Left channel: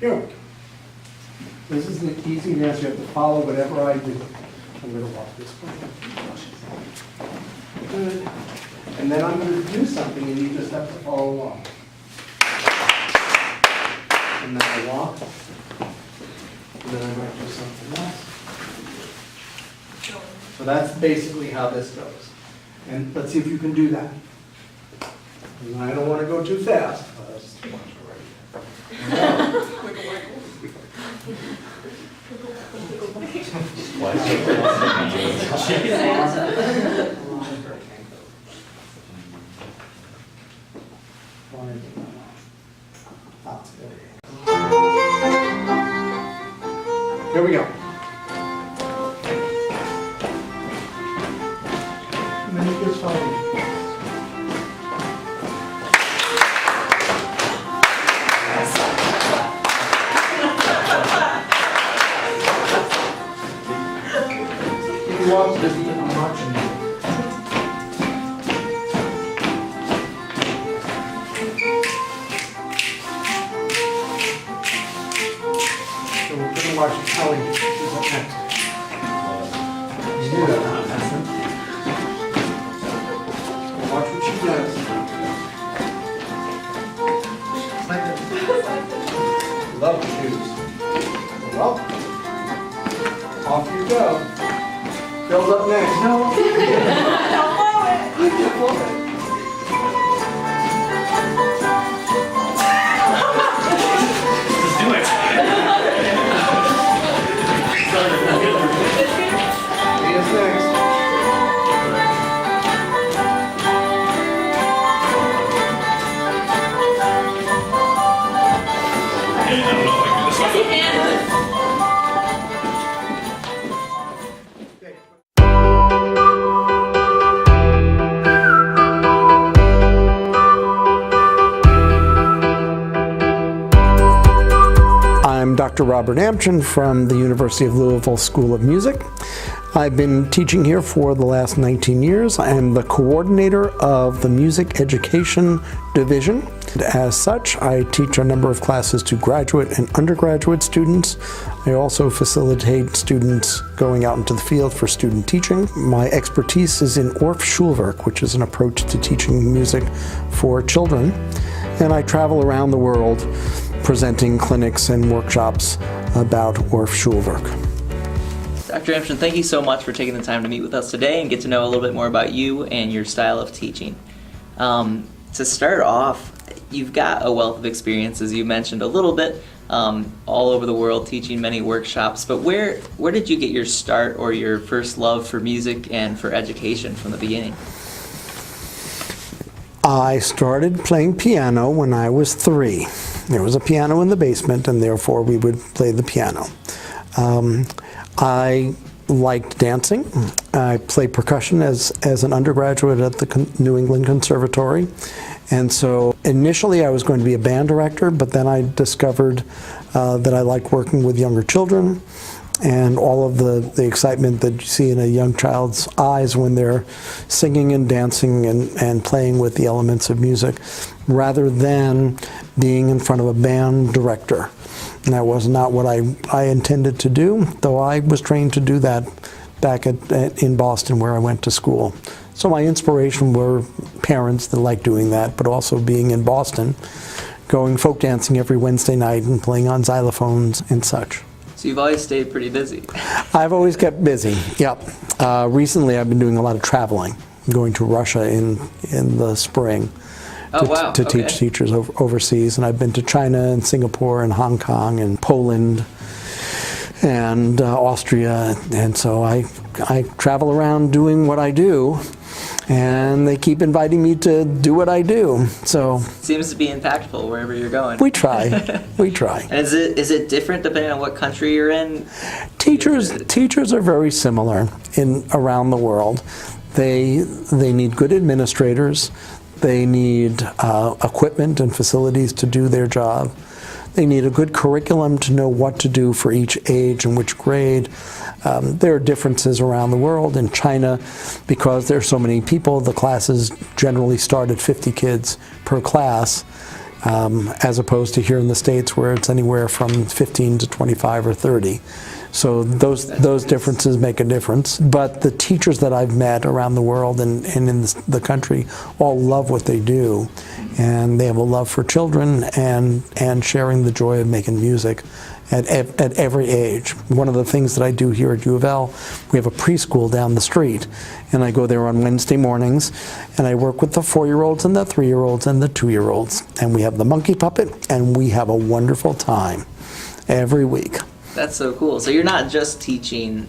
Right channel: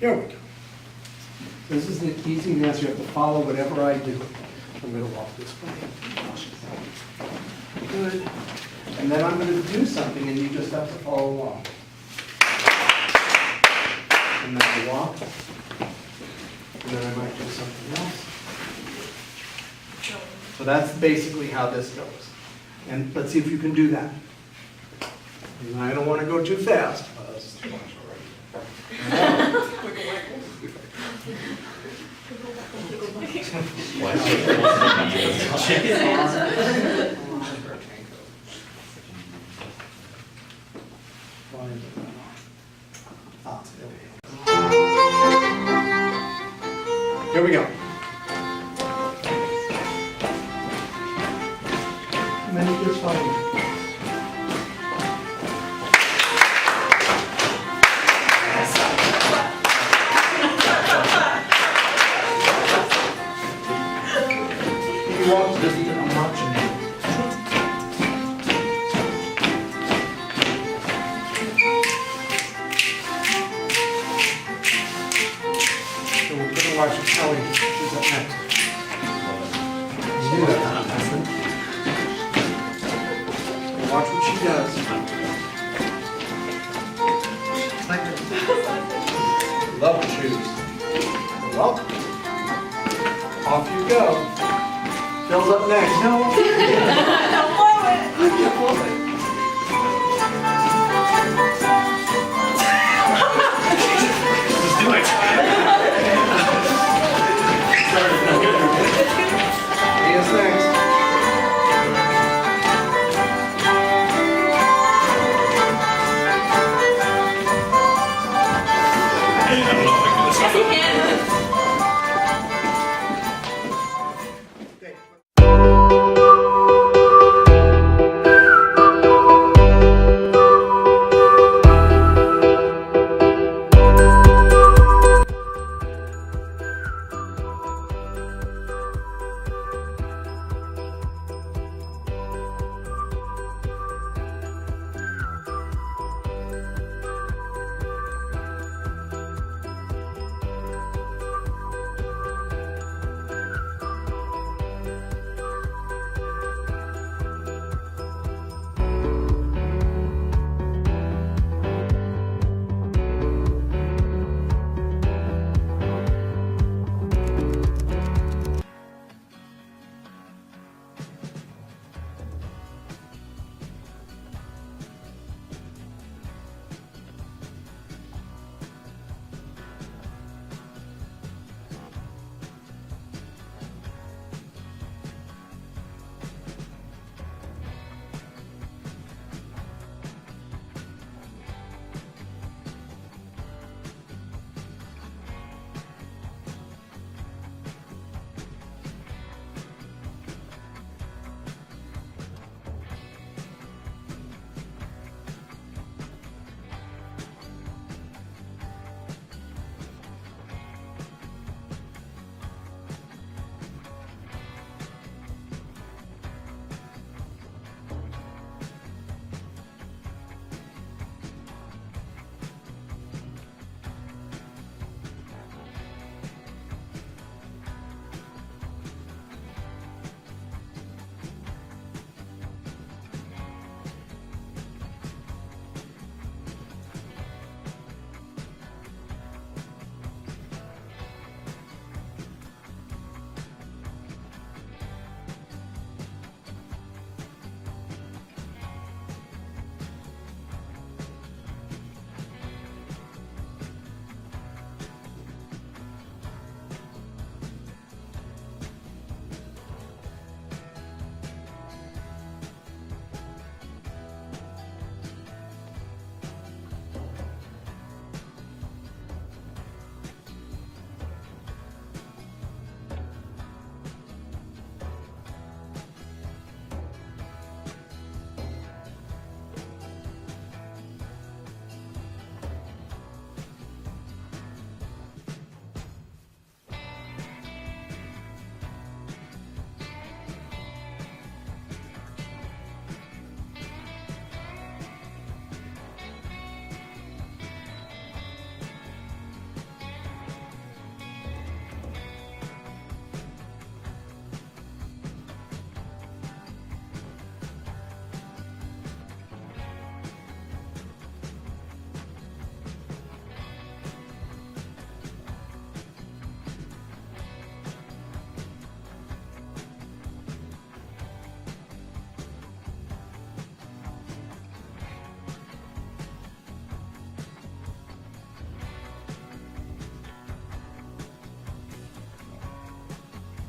Here we go. This is an easy dance. You have to follow whatever I do. I'm going to walk this way. Good. And then I'm going to do something, and you just have to follow along. And then I walk. And then I might do something else. So that's basically how this goes. And let's see if you can do that. And I don't want to go too fast. That's too much already. Here we go. Many kids follow me. You walk this, I'm watching you. So we're going to watch Kelly. She's up next. You do that. Watch what she does. Love her shoes. Well, off you go. Bill's up next. No. Don't blow it. Don't blow it. Let's do it. Leah's next. Hey, I don't know if I can do this. Yes, you can. I'm Dr. Dr. Amchin from the University of Louisville School of Music. I've been teaching here for the last 19 years. I am the coordinator of the Music Education Division. As such, I teach a number of classes to graduate and undergraduate students. I also facilitate students going out into the field for student teaching. My expertise is in Orff Schulwerk, which is an approach to teaching music for children. And I travel around the world presenting clinics and workshops about Orff Schulwerk. Dr. Amchin, thank you so much for taking the time to meet with us today and get to know a little bit more about you and your style of teaching. To start off, you've got a wealth of experience, as you mentioned a little bit, all over the world teaching many workshops, but where did you get your start or your first love for music and for education from the beginning? I started playing piano when I was 3. There was a piano in the basement, and therefore we would play the piano. I liked dancing. I played percussion as an undergraduate at the New England Conservatory. And so initially I was going to be a band director, but then I discovered that I like working with younger children and all of the excitement that you see in a young child's eyes when they're singing and dancing and playing with the elements of music, rather than being in front of a band director. And that was not what I intended to do, though I was trained to do that back in Boston, where I went to school. So my inspiration were parents that liked doing that, but also being in Boston, going folk dancing every Wednesday night and playing on xylophones and such. So you've always stayed pretty busy. I've always kept busy, yep. Recently I've been doing a lot of traveling. I'm going to Russia in the spring. To teach teachers overseas, and I've been to China and Singapore and Hong Kong and Poland and Austria, and so I travel around doing what I do, and they keep inviting me to do what I do. So seems to be impactful wherever you're going. We try, we try. And is it different depending on what country you're in? Teachers are very similar around the world. They need good administrators. They need equipment and facilities to do their job. They need a good curriculum to know what to do for each age and which grade. There are differences around the world. In China, because there are so many people, the classes generally start at 50 kids per class. as opposed to here in the States where it's anywhere from 15 to 25 or 30. So those differences make a difference. But the teachers that I've met around the world and in the country all love what they do. And they have a love for children and sharing the joy of making music at every age. One of the things that I do here at U of L, we have a preschool down the street, and I go there on Wednesday mornings, and I work with the 4-year-olds and the 3-year-olds and the 2-year-olds, and we have the monkey puppet, and we have a wonderful time every week. That's so cool. So you're not just teaching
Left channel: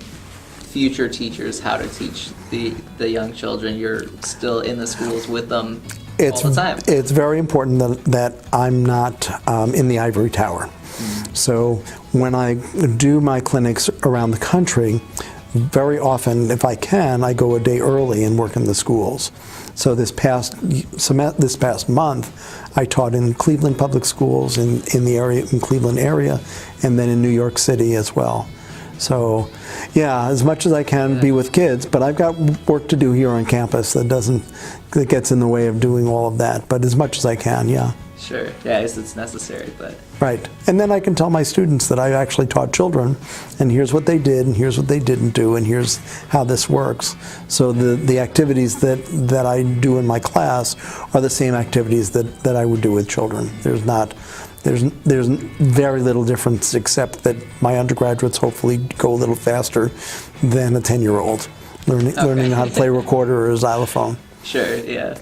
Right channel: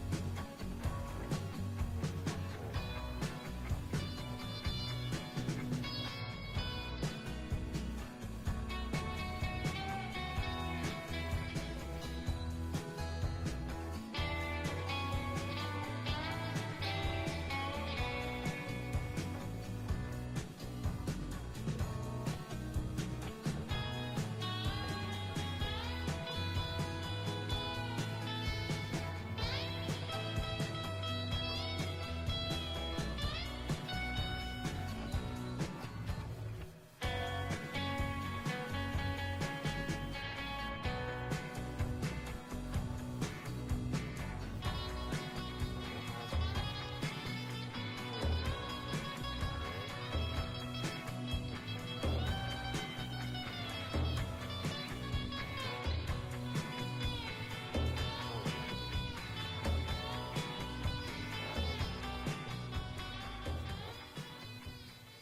future teachers how to teach the young children, you're still in the schools with them all the time. It's very important that I'm not in the ivory tower. So when I do my clinics around the country, very often, if I can, I go a day early and work in the schools. So this past month, I taught in Cleveland Public Schools in Cleveland area, and then in New York City as well. So, yeah, as much as I can be with kids, but I've got work to do here on campus that gets in the way of doing all of that. But as much as I can, yeah. Sure. Yeah, it's necessary, but. Right. And then I can tell my students that I actually taught children, and here's what they did, and here's what they didn't do, and here's how this works. So the activities that I do in my class are the same activities that I would do with children. There's very little difference, except that my undergraduates hopefully go a little faster than a 10-year-old learning how to play a recorder or a xylophone. Sure, yeah.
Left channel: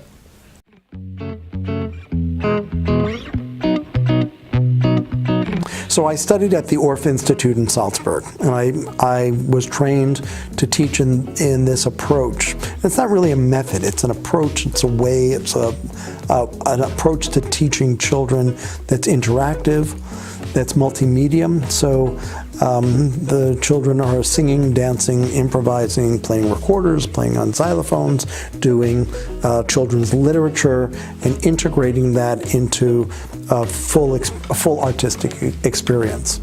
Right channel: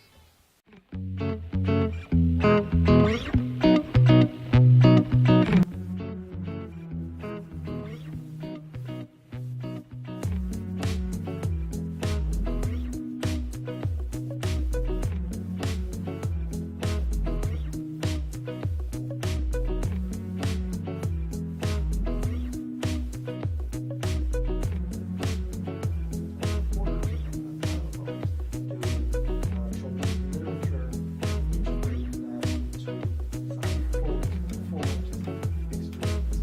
So I studied at the Orff Institute in Salzburg, and I was trained to teach in this approach. It's not really a method, it's an approach, it's a way, it's an approach to teaching children that's interactive, that's multimedia. So the children are singing, dancing, improvising, playing recorders, playing on xylophones, doing children's literature, and integrating that into a full artistic experience.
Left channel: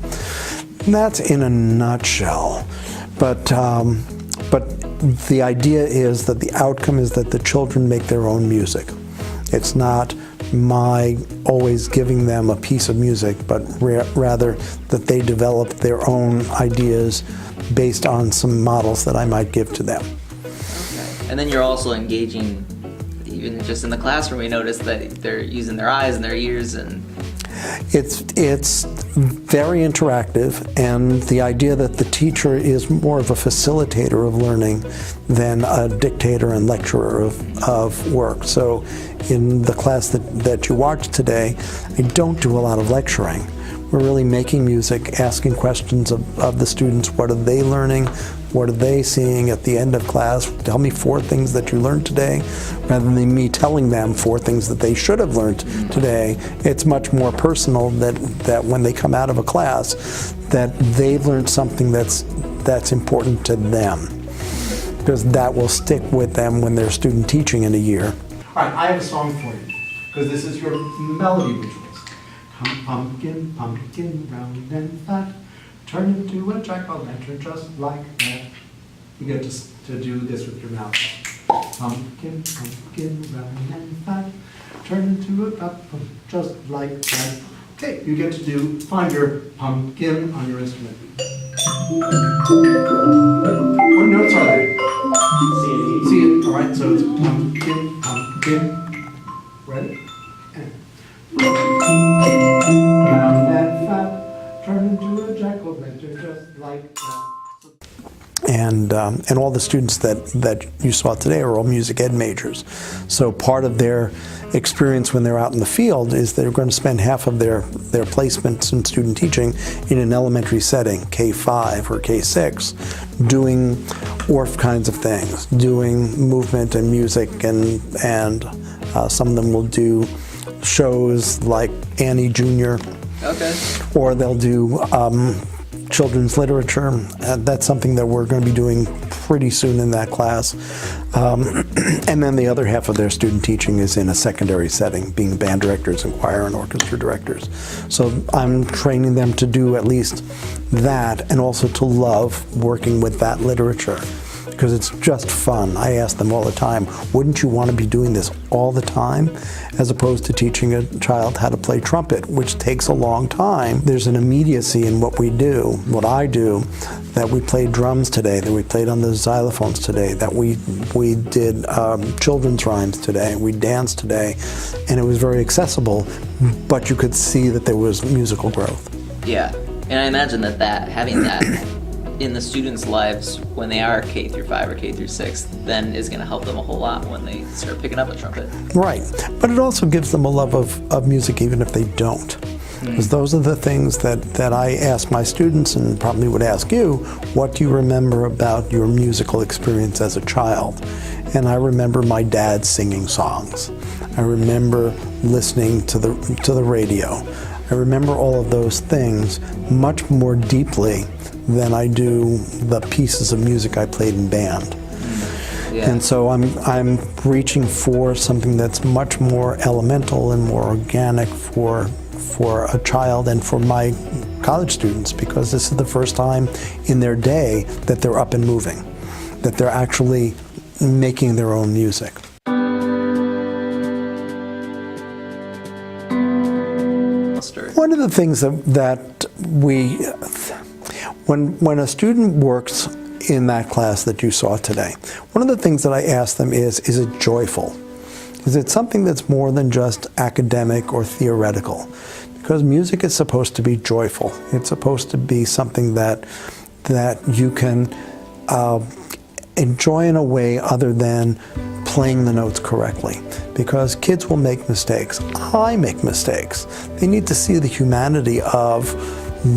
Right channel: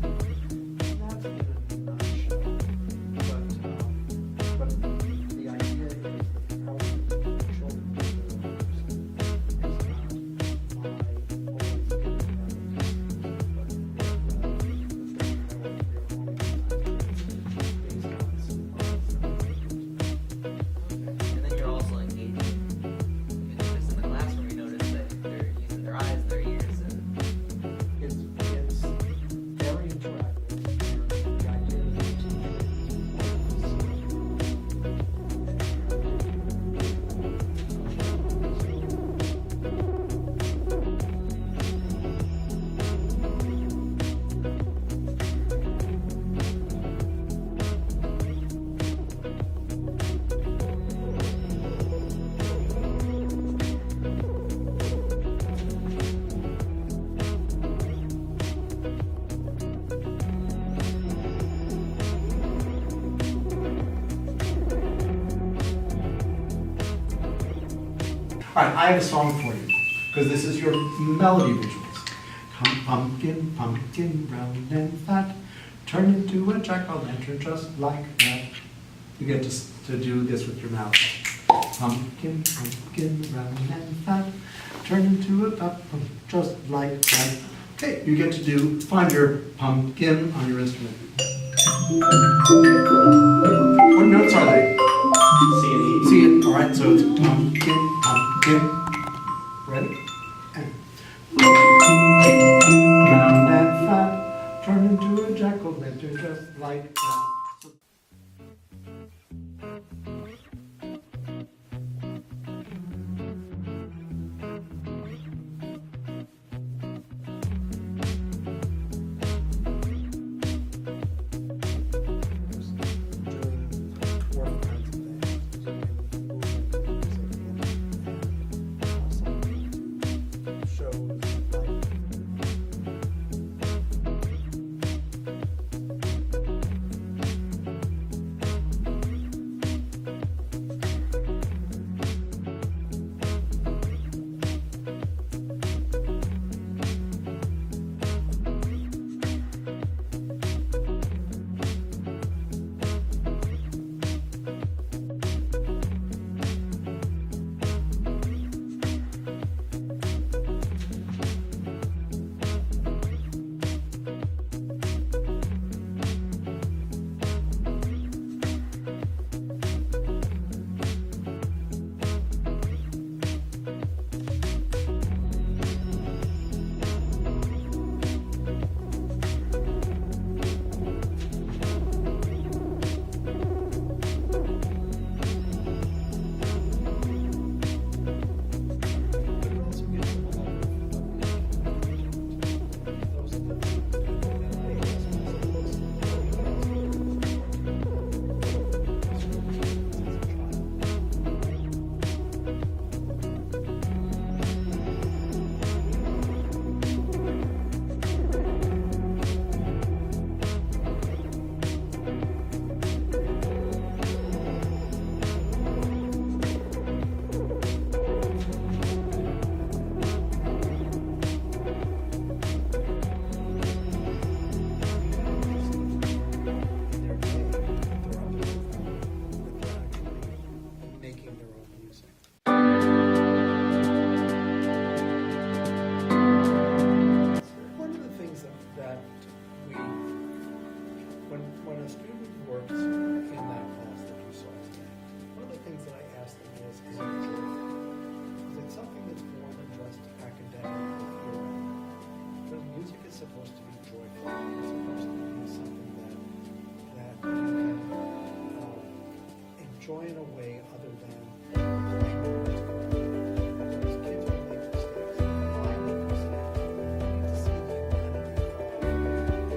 And that's in a nutshell. But the idea is that the outcome is that the children make their own music. It's not my always giving them a piece of music, but rather that they develop their own ideas based on some models that I might give to them. And then you're also engaging, even just in the classroom, we noticed that they're using their eyes and their ears and... It's very interactive, and the idea that the teacher is more of a facilitator of learning than a dictator and lecturer of work. So in the class that you watched today, I don't do a lot of lecturing. We're really making music, asking questions of the students. What are they learning? What are they seeing at the end of class? Tell me 4 things that you learned today, rather than me telling them 4 things that they should have learned today. It's much more personal that when they come out of a class, that they've learned something that's important to them, because that will stick with them when they're student teaching in a year. All right, I have a song for you, because this is your melody visuals. Come pumpkin, pumpkin, round and fat, turn into a jack-o'-lantern just like that. You get to do this with your mouth. Pumpkin, pumpkin, round and fat, turn into a pumpkin just like that. Okay, you get to find your pumpkin on your instrument. What notes are they? C and E. C, all right, so it's pumpkin, pumpkin. Ready? And round and fat, turn into a jack-o'-lantern just like that. And all the students that you saw today are all music ed majors. So part of their experience when they're out in the field is they're going to spend half of their placements in student teaching in an elementary setting, K-5 or K-6, doing Orff kinds of things, doing movement and music, and some of them will do shows like Annie Jr. Okay. Or they'll do children's literature. That's something that we're going to be doing pretty soon in that class. And then the other half of their student teaching is in a secondary setting, being band directors and choir and orchestra directors. So I'm training them to do at least that, and also to love working with that literature. because it's just fun. I ask them all the time, wouldn't you want to be doing this all the time, as opposed to teaching a child how to play trumpet, which takes a long time. There's an immediacy in what we do, what I do, that we played drums today, that we played on the xylophones today, that we did children's rhymes today, we danced today, and it was very accessible, but you could see that there was musical growth. Yeah, and I imagine that having that in the students' lives when they are K through 5 or K through 6, then is going to help them a whole lot when they start picking up a trumpet. Right, but it also gives them a love of music even if they don't. Because those are the things that I ask my students, and probably would ask you, what do you remember about your musical experience as a child? And I remember my dad singing songs. I remember listening to the radio. I remember all of those things much more deeply than I do the pieces of music I played in band. Yeah. And so I'm reaching for something that's much more elemental and more organic for a child and for my college students, because this is the first time in their day that they're up and moving, that they're actually making their own music. One of the things that when a student works in that class that you saw today, one of the things that I ask them is it joyful? Is it something that's more than just academic or theoretical? Because music is supposed to be joyful. It's supposed to be something that you can enjoy in a way other than playing the notes correctly. Because kids will make mistakes. I make mistakes. They need to see the humanity of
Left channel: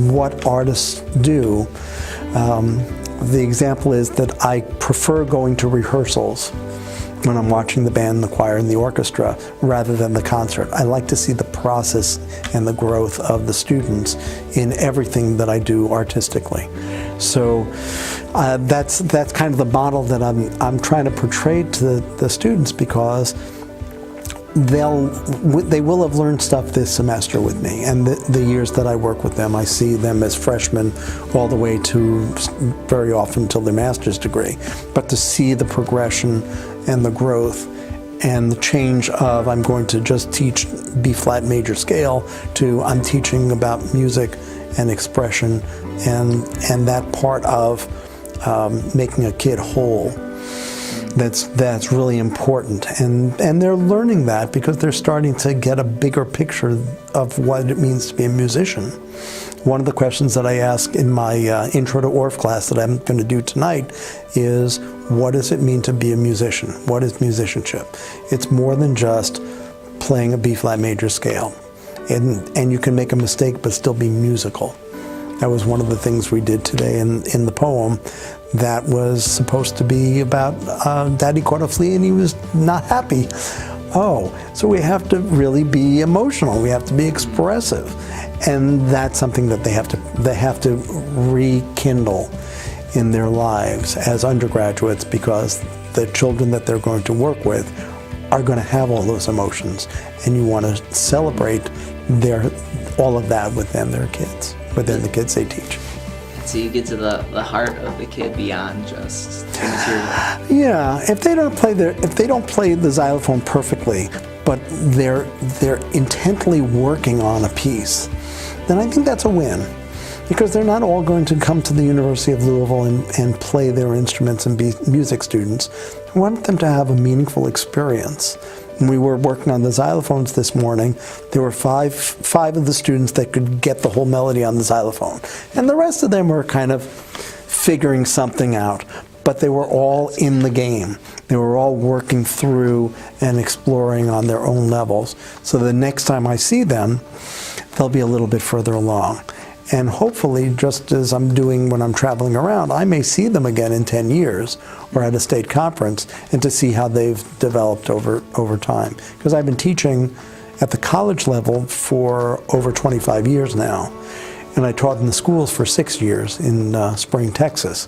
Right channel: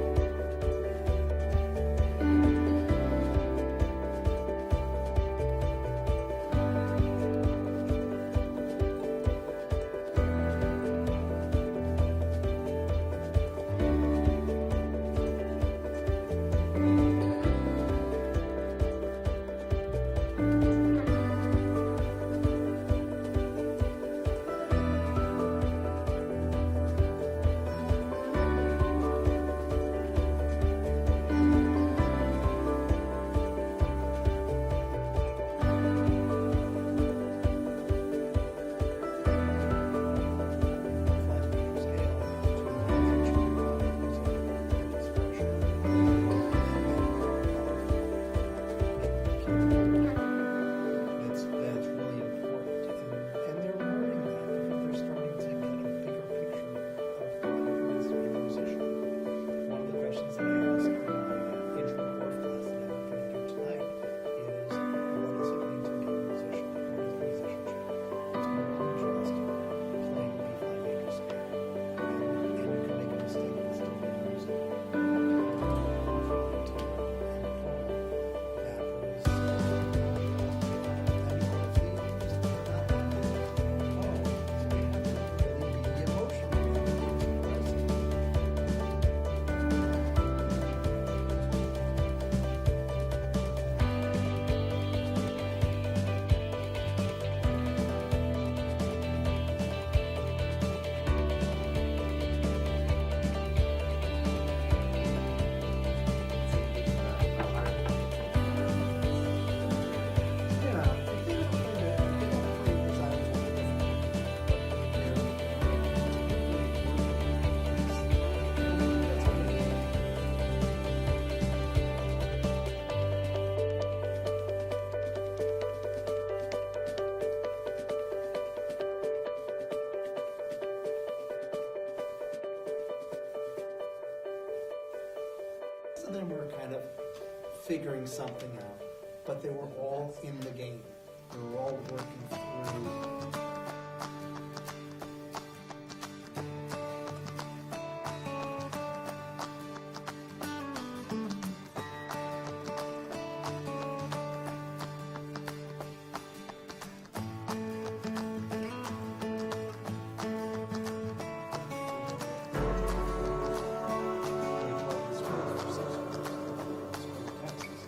what artists do. The example is that I prefer going to rehearsals when I'm watching the band, the choir, and the orchestra, rather than the concert. I like to see the process and the growth of the students in everything that I do artistically. So that's kind of the model that I'm trying to portray to the students, because they will have learned stuff this semester with me, and the years that I work with them, I see them as freshmen all the way to very often till their master's degree. But to see the progression and the growth and the change of I'm going to just teach B-flat major scale to I'm teaching about music and expression and that part of making a kid whole. That's really important, and they're learning that because they're starting to get a bigger picture of what it means to be a musician. One of the questions that I ask in my Intro to Orff class that I'm going to do tonight is, what does it mean to be a musician? What is musicianship? It's more than just playing a B-flat major scale, and you can make a mistake but still be musical. That was one of the things we did today in the poem. That was supposed to be about Daddy caught a flea and he was not happy. Oh, so we have to really be emotional. We have to be expressive, and that's something that they have to rekindle in their lives as undergraduates, because the children that they're going to work with are going to have all those emotions, and you want to celebrate all of that within the kids they teach. So you get to the heart of the kid beyond just material. Yeah, if they don't play the xylophone perfectly, but they're intently working on a piece, then I think that's a win. Because they're not all going to come to the University of Louisville and play their instruments and be music students. We want them to have a meaningful experience. When we were working on the xylophones this morning, there were five of the students that could get the whole melody on the xylophone. And the rest of them were kind of figuring something out. But they were all in the game. They were all working through and exploring on their own levels. So the next time I see them, they'll be a little bit further along. And hopefully, just as I'm doing when I'm traveling around, I may see them again in 10 years or at a state conference, and to see how they've developed over time. Because I've been teaching at the college level for over 25 years now. And I taught in the schools for 6 years in Spring, Texas.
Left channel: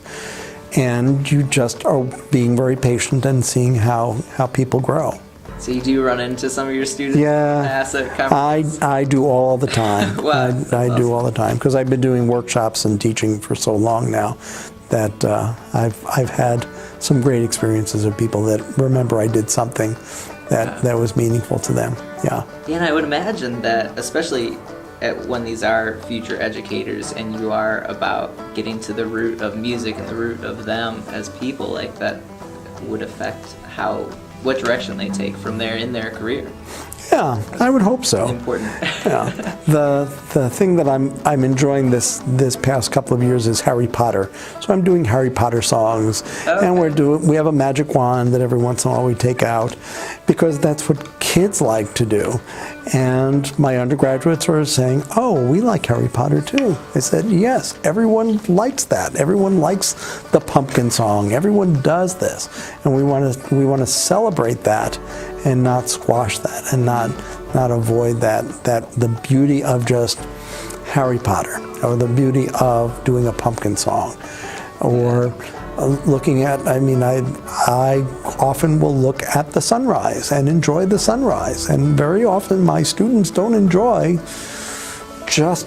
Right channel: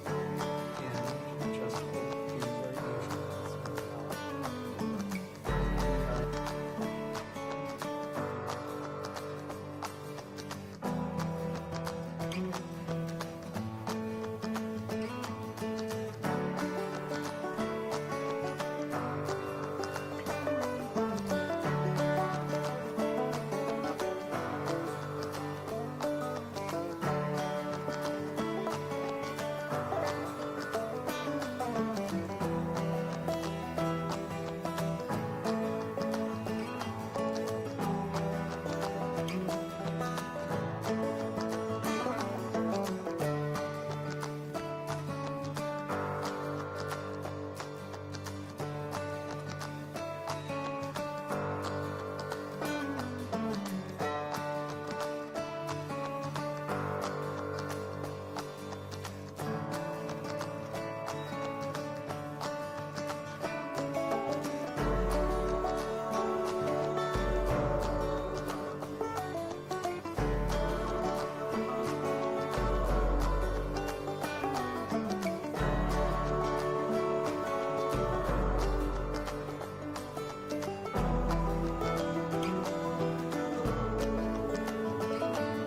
And you just are being very patient and seeing how people grow. So you do run into some of your students? Yeah, at conferences? I do all the time. Wow. I do all the time, because I've been doing workshops and teaching for so long now that I've had some great experiences of people that remember I did something that was meaningful to them. Yeah. And I would imagine that, especially when these are future educators and you are about getting to the root of music and the root of them as people, like that would affect what direction they take from there in their career. Yeah, I would hope so. Important. Yeah. The thing that I'm enjoying this past couple of years is Harry Potter. So I'm doing Harry Potter songs, and we have a magic wand that every once in a while we take out, because that's what kids like to do. And my undergraduates are saying, "Oh, we like Harry Potter too." I said, "Yes, everyone likes that. Everyone likes the pumpkin song. Everyone does this, and we want to celebrate that, and not squash that, and not avoid that the beauty of just Harry Potter, or the beauty of doing a pumpkin song, or looking at, I often will look at the sunrise and enjoy the sunrise, and very often my students don't enjoy just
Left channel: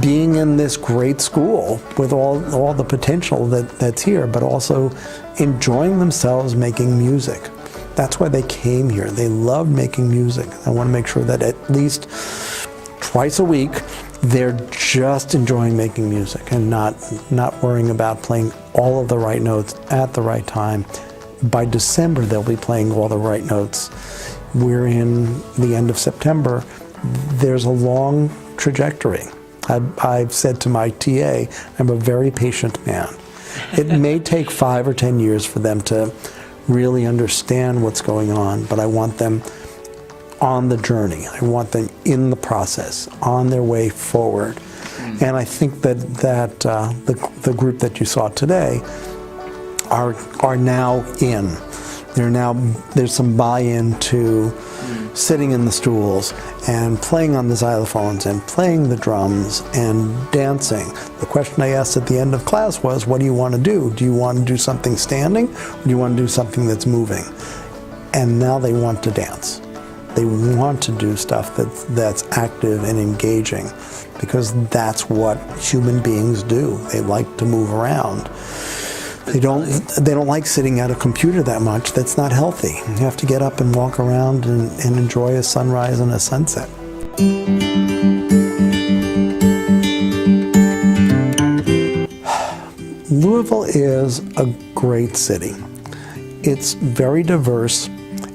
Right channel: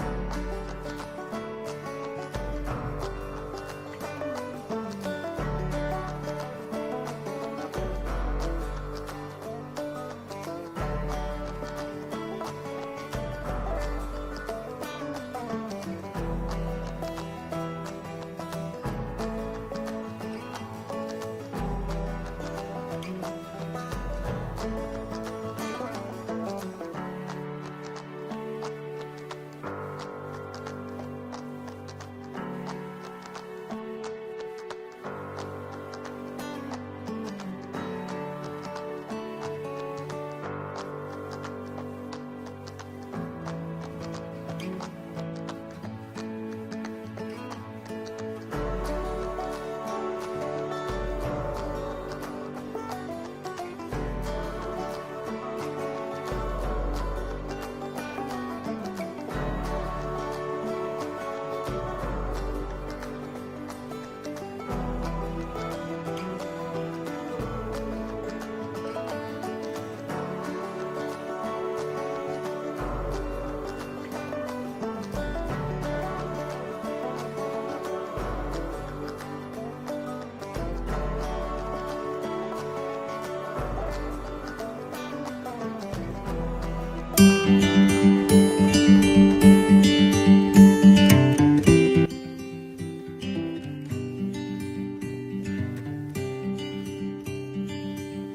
being in this great school with all the potential that's here, but also enjoying themselves making music. That's why they came here. They love making music. I want to make sure that at least twice a week they're just enjoying making music and not worrying about playing all of the right notes at the right time. By December, they'll be playing all the right notes. We're in the end of September. There's a long trajectory. I've said to my TA, I'm a very patient man. It may take 5 or 10 years for them to really understand what's going on, but I want them on the journey. I want them in the process, on their way forward. And I think that the group that you saw today are now in. There's some buy-in to sitting in the stools and playing on the xylophones and playing the drums and dancing. The question I asked at the end of class was, what do you want to do? Do you want to do something standing, or do you want to do something that's moving? And now they want to dance. They want to do stuff that's active and engaging, because that's what human beings do. They like to move around. They don't like sitting at a computer that much. That's not healthy. You have to get up and walk around and enjoy a sunrise and a sunset. Louisville is a great city. It's very diverse.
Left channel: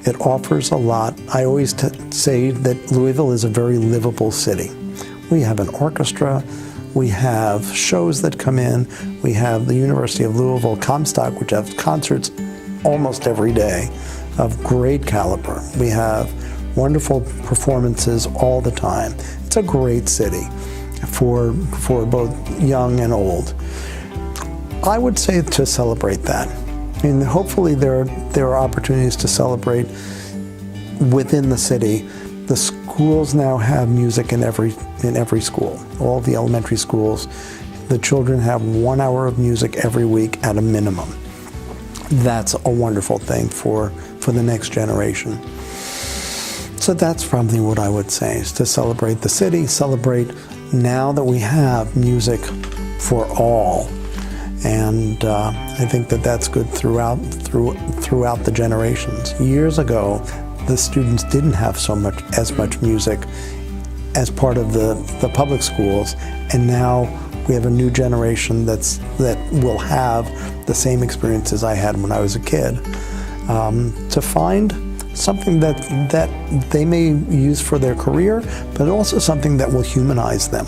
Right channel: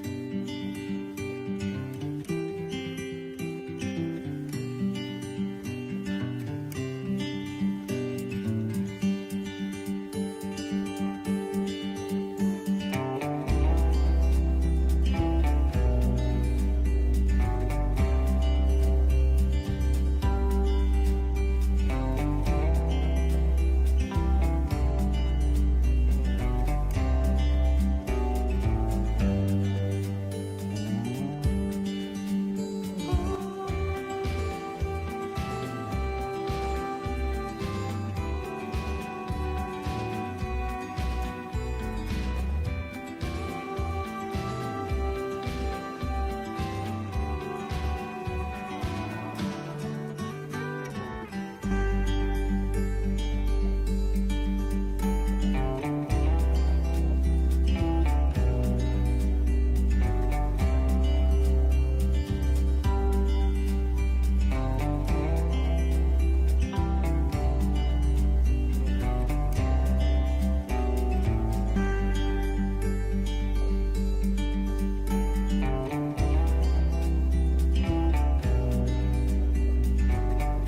It offers a lot. I always say that Louisville is a very livable city. We have an orchestra. We have shows that come in. We have the University of Louisville Comstock, which has concerts almost every day of great caliber. We have wonderful performances all the time. It's a great city for both young and old. I would say to celebrate that. And hopefully there are opportunities to celebrate within the city. The schools now have music in every school. All the elementary schools, the children have 1 hour of music every week at a minimum. That's a wonderful thing for the next generation. So that's probably what I would say, is to celebrate the city, celebrate now that we have music for all. And I think that's good throughout the generations. Years ago, the students didn't have as much music as part of the public schools, and now we have a new generation that will have the same experiences I had when I was a kid. To find something that they may use for their career, but also something that will humanize them.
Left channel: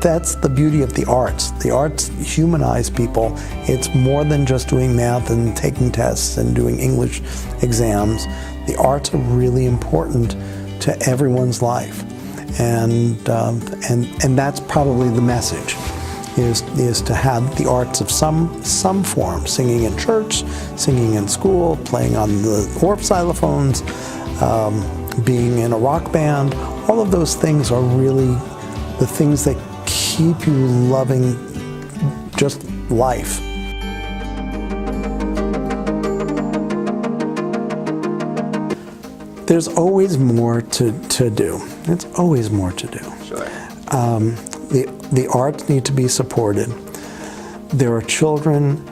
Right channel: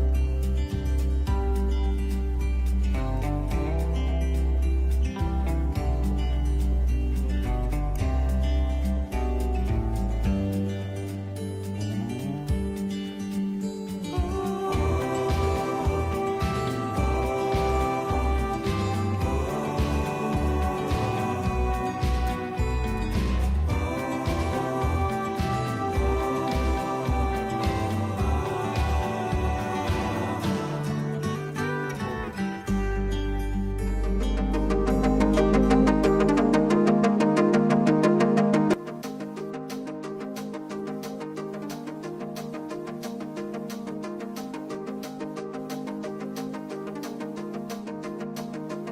That's the beauty of the arts. The arts humanize people. It's more than just doing math and taking tests and doing English exams. The arts are really important to everyone's life, and that's probably the message, is to have the arts of some form, singing in church, singing in school, playing on the Orff xylophones, being in a rock band. All of those things are really the things that keep you loving just life. There's always more to do. It's always more to do. Sure. The arts need to be supported. there are children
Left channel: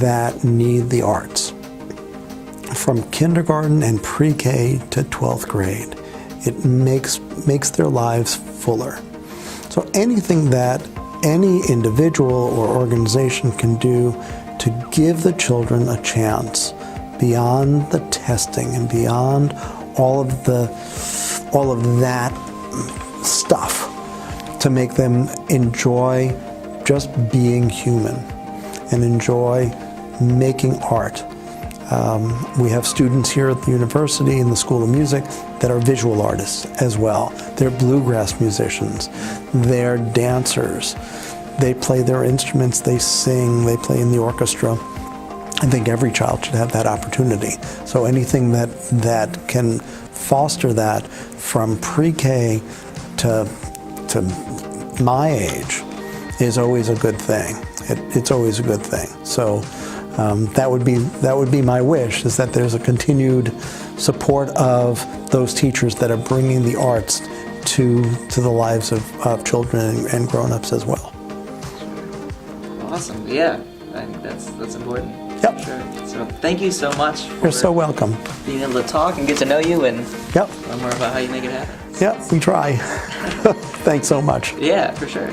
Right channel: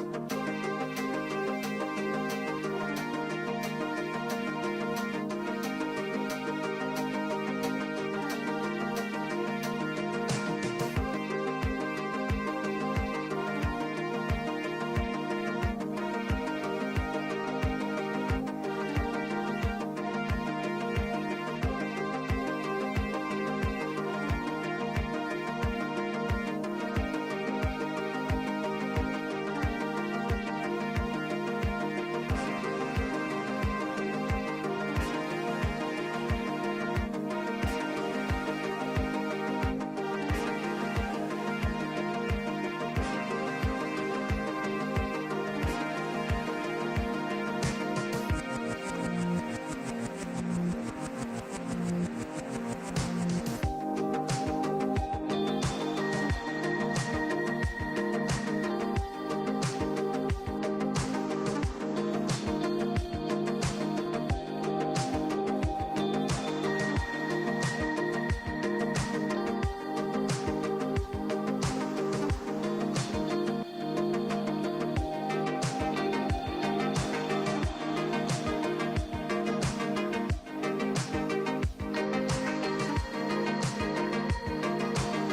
that need the arts. From kindergarten and pre-K to 12th grade, it makes their lives fuller. So anything that any individual or organization can do to give the children a chance beyond the testing and beyond all of that stuff, to make them enjoy just being human and enjoy making art. We have students here at the university in the School of Music that are visual artists as well. They're bluegrass musicians, they're dancers, they play their instruments, they sing, they play in the orchestra. I think every child should have that opportunity. So anything that can foster that from pre-K to my age is always a good thing. It's always a good thing. So that would be my wish, is that there's a continued support of those teachers that are bringing the arts to the lives of children and grown-ups as well. Awesome. Yeah, I think that's important. Yep. For sure. So thank you so much for You're so welcome. being able to talk and get to know you and Yep. learn more about how you make it happen. Yep, we try. Thanks so much. Yeah, for sure.